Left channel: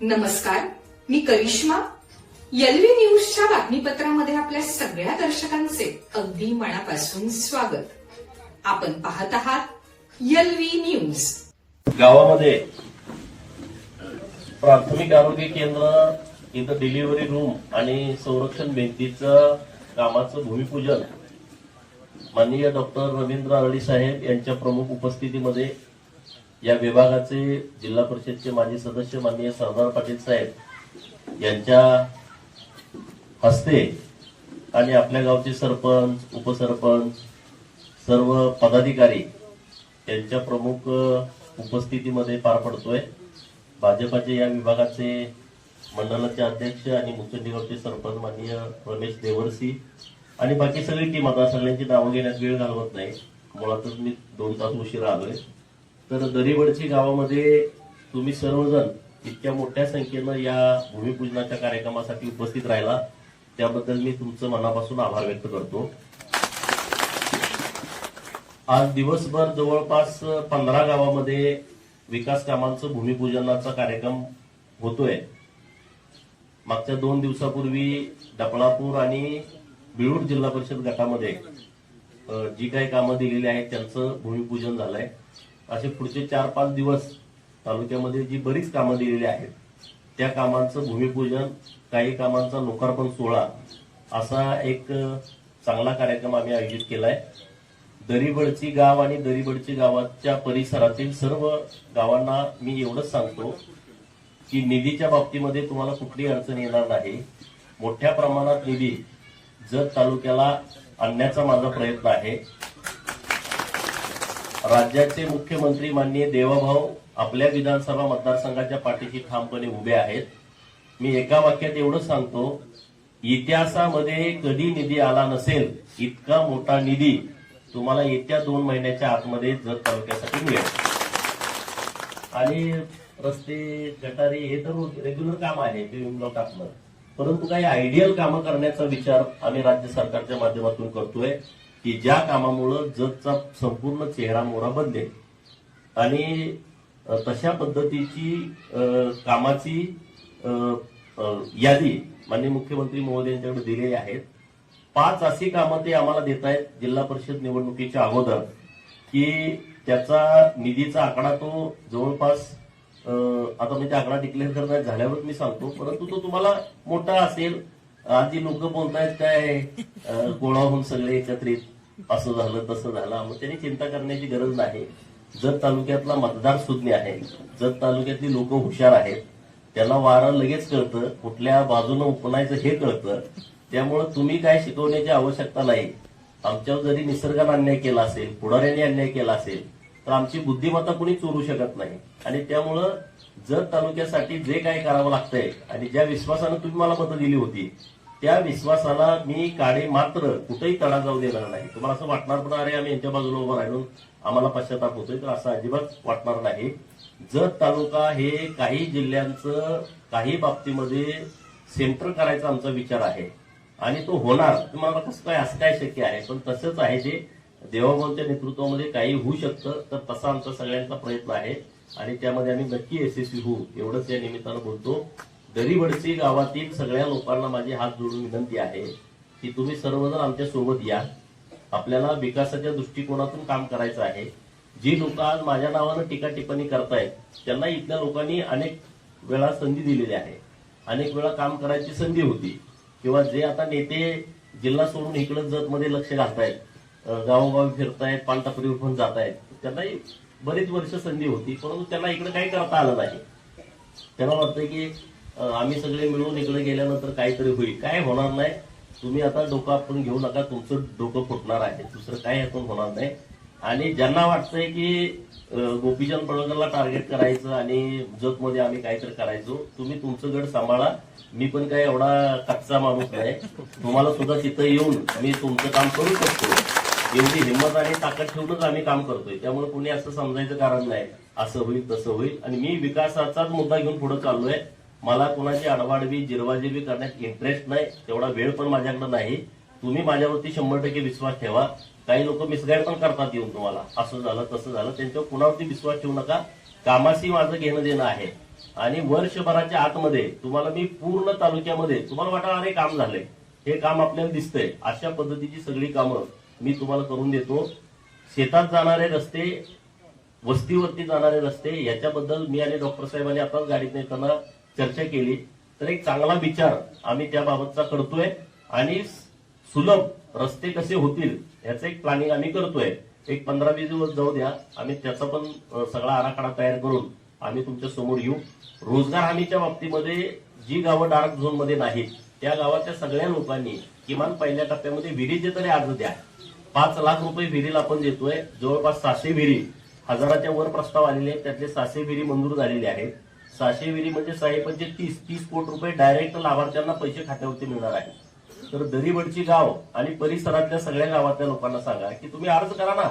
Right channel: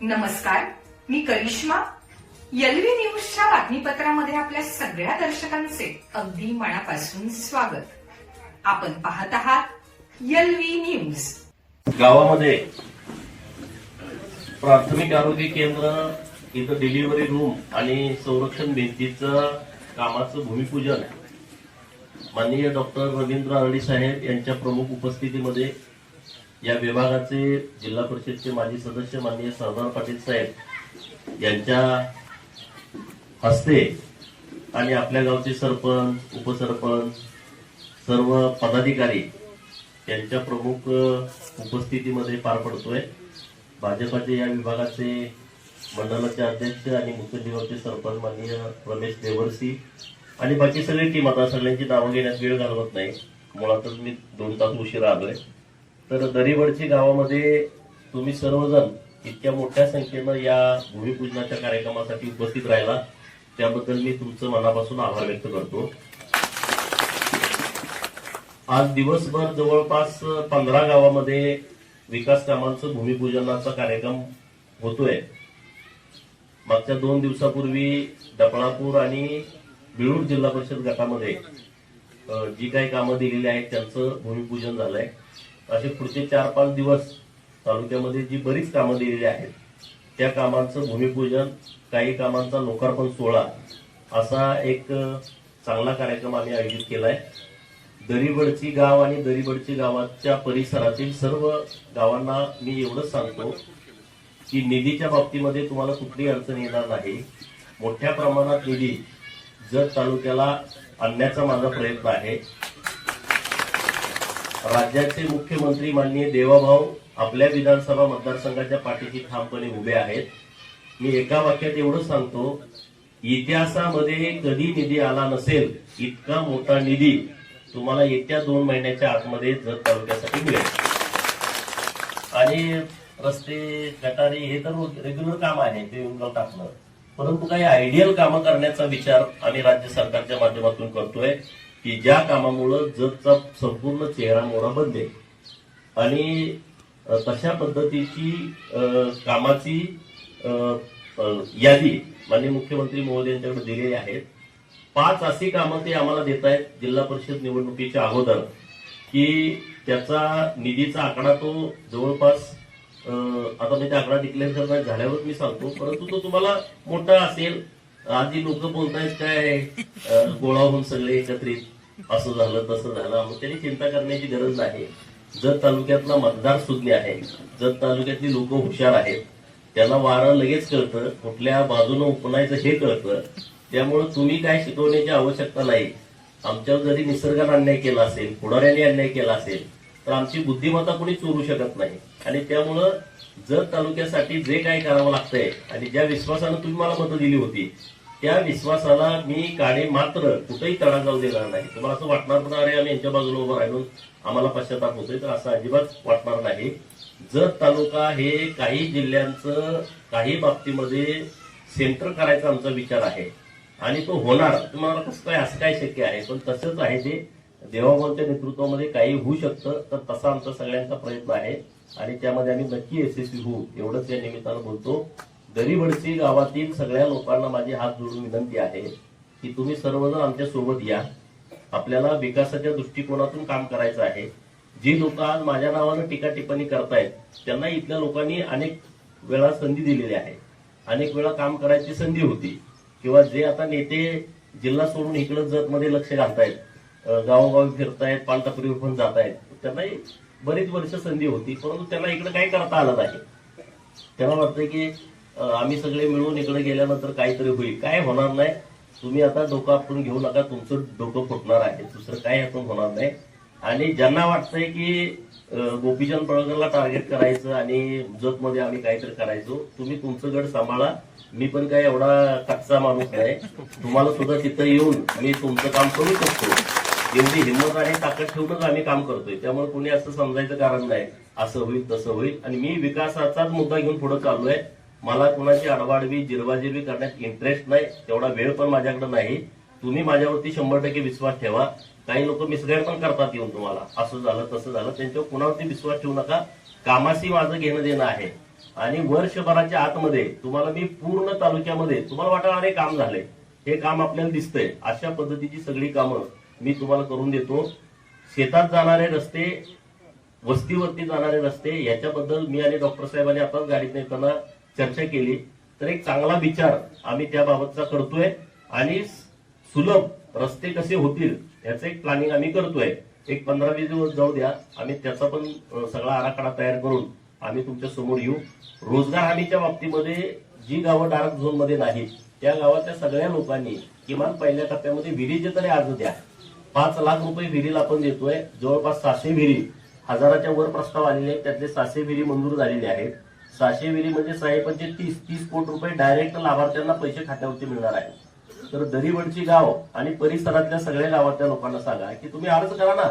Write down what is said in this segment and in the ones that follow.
नमस्कार मी करिश्मा. एलव्ही न्यूजच्या बातमीपत्रामध्ये आपल्या सगळ्या दर्शकांचे अगदी मनापासून स्वागत. आपण पाहत आहात एलव्ही न्यूज. गावामध्ये प्राथमिक आरोग्य केंद्र इथं डिलिव्हरी रूम आणि संरक्षण भिंतीचं कामाचं भूमिपूजन. माननीय डॉक्टर रवींद्र आरडी साहेब यांच्या प्रमुख उपस्थितीमध्ये या विभागाचे जिल्हा परिषदचे माजी सदस्य माननीय सरदार पाटील साहेब यांच्या हस्ते आणि आपल्या गावचे सरपंच उपसरपंच सर्व पदाधिकारी यांच्या प्रमुख उपस्थितीमध्ये पार पडतोय. भाजपाचे या विभागाचे मंडळाचे अध्यक्ष आणि मुख्य सरपंच माननीय रमेश देवरसी आणि बाकी सगळी टीम. आता सगळ्यांची नावं घेण्यात वेळ घालवत नाही. मुळातच मी दोन तास उशिरा आलोय. तर दरीवडची गावामध्ये तुम्ही सर्वजण इतक्या मोठ्या संख्येनं या भूमिपूजनाच्या कार्यक्रमासाठी उपस्थित राहिला. त्याबद्दल मी तुमचं मनापासून आभार व्यक्त करतो. आज दिवसभर जवळपास पंधरा गावामध्ये विकास कामांचं भूमिपूजनाचा कार्यक्रम होतोय. मागच्या दोन दिवसापूर्वी डपळापूर आणि बिळूर जिल्हा परिषद गटामध्ये जी काही कामं दिलेली आहेत त्यांचं भूमिपूजन झालंय. असे पुढचे चार पाच दिवस तालुक्यामध्ये जी बरीच कामं दिलेली आहेत त्या कामांचं भूमिपूजन काही कामांचा लोकार्पण सोहळा असा एक चांगला कार्यक्रम आम्ही आयोजित केला आहे दरीबडची गाव आणि दरीबडची गावाच्या परिसरातील सर्व गावांना मी एवढंच सांगतो की निधीच्या बाबतीमध्ये तुम्हाला कुठली अडचण येणार नाही. मोठ्या प्रमाणात निधी जत तालुक्याला आणण्याचा माझा प्रयत्न आहे राज्याचे मुख्यमंत्री माननीय देवाभाऊ आपल्या विधानसभा मतदारसंघाच्या पाठीशी ठामपणे उभे आहेत. मी एका वाक्यात एवढं सांगतो इतिहासामध्ये कधी निधी आला नसेल इतका मोठा निधी तुम्हाला येत्या दोन महिन्याच्या आतमध्ये जत तालुक्यासाठी मिळेल. आणि रस्ते गटारी हे तर रेग्युलर काम आहे ते येऊन टाकणं परंतु काही आयडियल कामं करण्याचा विचार आम्ही राज्य सरकारच्या माध्यमातून करतोय. की ज्या कामामुळं जगचा संपूर्ण चेहरा मोहरा बदलेल आणि तशा पद्धतीची कामाची यादी माननीय मुख्यमंत्री महोदयांच्याकडे दिलेली आहेत. पाच अशी कामं ते आम्हाला देत आहेत जिल्हा परिषद निवडणुकीच्या अगोदर की त्याचा निधीचा आकडा तो जवळपास आता मी त्या आकडा डिक्लेअर करण्यात झाल्यावर मी सांगतो परंतु तो तुम्हाला मोठा असेल आधी लोक बोलतायत काय गोळा होऊन सगळे एकत्रित. असं झालं तसं झालं. मग त्यांनी चिंता करण्याची गरज नाही. जत तालुक्यातला मतदार सुज्ञ आहे जत तालुक्यातली लोक हुशार आहेत त्यांना वारं लगेच कळतं कुठल्या बाजूनं उपनायचं हे कळतं. त्यामुळे तुम्ही काय शिकवण्याची आवश्यकता नाही. आमच्यावर जरी निसर्गाने अन्याय केला असेल पुढाऱ्याने अन्याय केला असेल तर आमची बुद्धिमत्ता कुणी चोरू शकत नाही. आणि त्यामुळं जर तालुक्यासाठी जे काही करावं लागतंय आणि ज्या विश्वासानं तुम्ही मला मतं दिली होती त्या विश्वासाला मी काढे मात्र कुठेही तडा जाऊ देणार नाही. तुम्हाला असं वाटणार पण अरे आम्ही यांच्या बाजूला उभं राहिलो आम्हाला पश्चाताप होतोय तर असं अजिबात वाटणार नाही. जत तालुका हे काही जिल्ह्यांचं काही बाबतीमध्ये सेंटर करायचा आमचा विचार आहे आणि तो होणार तुम्हाला कसं काय असं काय शक्य आहे? पण तसंच आहे ते देवाभाऊच्या नेतृत्वामध्ये काही होऊ शकतं तर तसा आमचा सगळ्यांचा प्रयत्न आहे. आणि त्यामध्ये आम्ही नक्की यशस्वी होऊ एवढंच या निमित्तानं बोलतो. दरीवडसी गावातील सगळ्या लोकांना माझी हात जोडून विनंती आहे की तुम्ही सर्वजण आमच्यासोबत या. आपल्याला विकासाच्या दृष्टिकोनातून काम करायचं आहे. जी लोक आज माझ्या नावानं टीका टिप्पणी करतायत त्यांना इथल्या लोकांनी अनेक वेळा संधी दिलेली आहे. अनेक वेळा काम करायची संधी होती. किंवा जे आता नेते जिल्हा सोडून इकडं जतमध्ये लक्ष घालतायत गावोगावी फिरतायत पानटापरीवर पण जात आहेत त्यांनाही बरीच वर्ष संधी होती परंतु त्यांना इकडे काही करता आलं नाही. त्यांना वाटतंय की आम्ही सगळे मिळून इकडे गेल्यानंतर काहीतरी होईल. काय होणार नाही. तुम्ही आता डोकं आपण घेऊ नका तुमचं डोकं फुटणार आहे. दुसरं काय आपण होणार नाही. आणि ज्यांना वाटतंय की गोपीचंद पळकरला टार्गेट करायचं आणि जगमध्ये आम्ही काहीतरी करायचो तुम्ही तुमचं गड सांभाळा. मी पण काय एवढा कच्चा माणूस आहे. तुम्हाला सुद्धा तिथं येऊन मी तुमचं काम करू शकतो. एवढी हिंमत आणि ताकद ठेवूनच आम्ही काम करतोय. त्यामुळे कोणी असं समजायचं कारण नाही. असं होईल तसं होईल. आणि मी विकासाचाच मुद्दा घेऊन पुढे चाललोय. मला कुणाची अडवाडवी जिरवाजिरवी करण्यात इंटरेस्ट नाही. तेवढा वेळ पण माझ्याकडे नाही. तुम्ही माझ्यावरती शंभर टक्के विश्वास ठेवा. काही लोक मिसगाईड पण करतात येऊन तुम्हाला. असं झालं तसं झालं. त्यांच्यावर कुणावरती विश्वास ठेवू नका. कामाशी माझं घेणं देणं आहे. आणि वर्षभराच्या आतमध्ये तुम्हाला मी पूर्ण तालुक्यामध्ये तुम्हाला वाटणार अरे काम झालंय. हे काम आपल्याला दिसतंय. अशा पद्धतीची सगळी कामं मी तुम्हाला करून देतो. शेतात जाणारे रस्ते वस्तीवरती जाणारे रस्ते याच्याबद्दल मी आणि डॉक्टर साहेबांनी आताच गाडीत नेताना चर्चा केली. तर एक चांगला विचार आम्ही त्याबाबतचा करतोय आणि सुलभ रस्ते कसे होतील याचं एक प्लॅनिंग आम्ही करतोय. एक पंधरा वीस दिवस जाऊ द्या. आम्ही त्याचा पण सगळा आराखडा तयार करून आम्ही तुमच्यासमोर येऊ. रोजगार हमीच्या बाबतीमध्ये जी गावं डार्क झोनमध्ये नाहीत त्या गावातल्या सगळ्या लोकांनी किमान पहिल्या टप्प्यामध्ये विहिरीचे तरी अर्ज द्या. पाच लाख रुपये विहिरीला आपण देतोय. जवळपास सहाशे विहिरी हजाराच्या वर प्रस्ताव आलेले आहेत. त्यातले सहाशे विहिरी मंजूर झालेले आहेत. सहाशे विहिरी म्हणजे साहेबांचे तीस तीस कोटी रुपये डायरेक्ट लाभार्थ्यांना पैसे खात्यावरती मिळणार आहेत. तर दरीवडची गाव आणि परिसरातल्या सगळ्या गावातल्या लोकांना सांगा की तुम्ही अर्ज करा ना.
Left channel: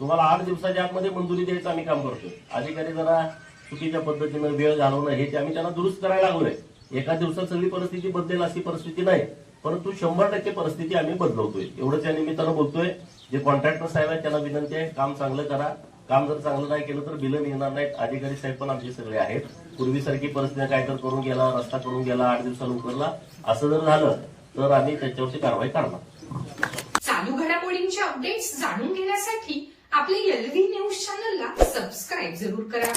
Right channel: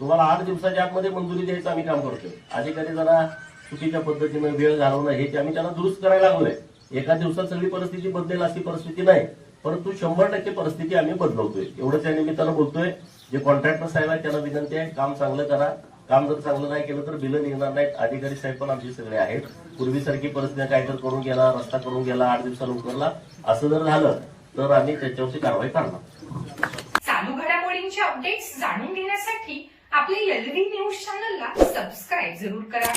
तुम्हाला आठ दिवसाच्या आतमध्ये मंजुरी द्यायचं आम्ही काम करतोय. अधिकारी जरा चुकीच्या पद्धतीनं वेळ घालवणं हे ते आम्ही त्यांना दुरुस्त करायला लागलोय. एका दिवसात सगळी परिस्थिती बदलेल अशी परिस्थिती नाही. परंतु शंभर टक्के परिस्थिती आम्ही बदलवतोय. एवढंच या निमित्तानं बोलतोय. जे कॉन्ट्रॅक्टर साहेब आहेत त्यांना विनंती आहे काम चांगलं करा. काम जर चांगलं नाही केलं तर बिलं निघणार नाहीत. अधिकारी साहेब पण आमचे सगळे आहेत. पूर्वीसारखी परिस्थिती काय तर करून गेला रस्ता करून गेला आठ दिवसाला उकरला. असं जर झालं तर आम्ही त्याच्यावरती कारवाई करणार. चालू घडामोडींचे अपडेट्स जाणून घेण्यासाठी आपले एलव्ही न्यूज चॅनलला सबस्क्राईब जरूर करा.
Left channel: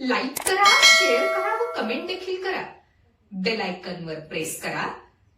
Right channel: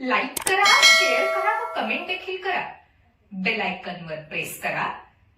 लाईक करा शेअर करा व कमेंट देखील करा. बेल आयकॉनवर प्रेस करा.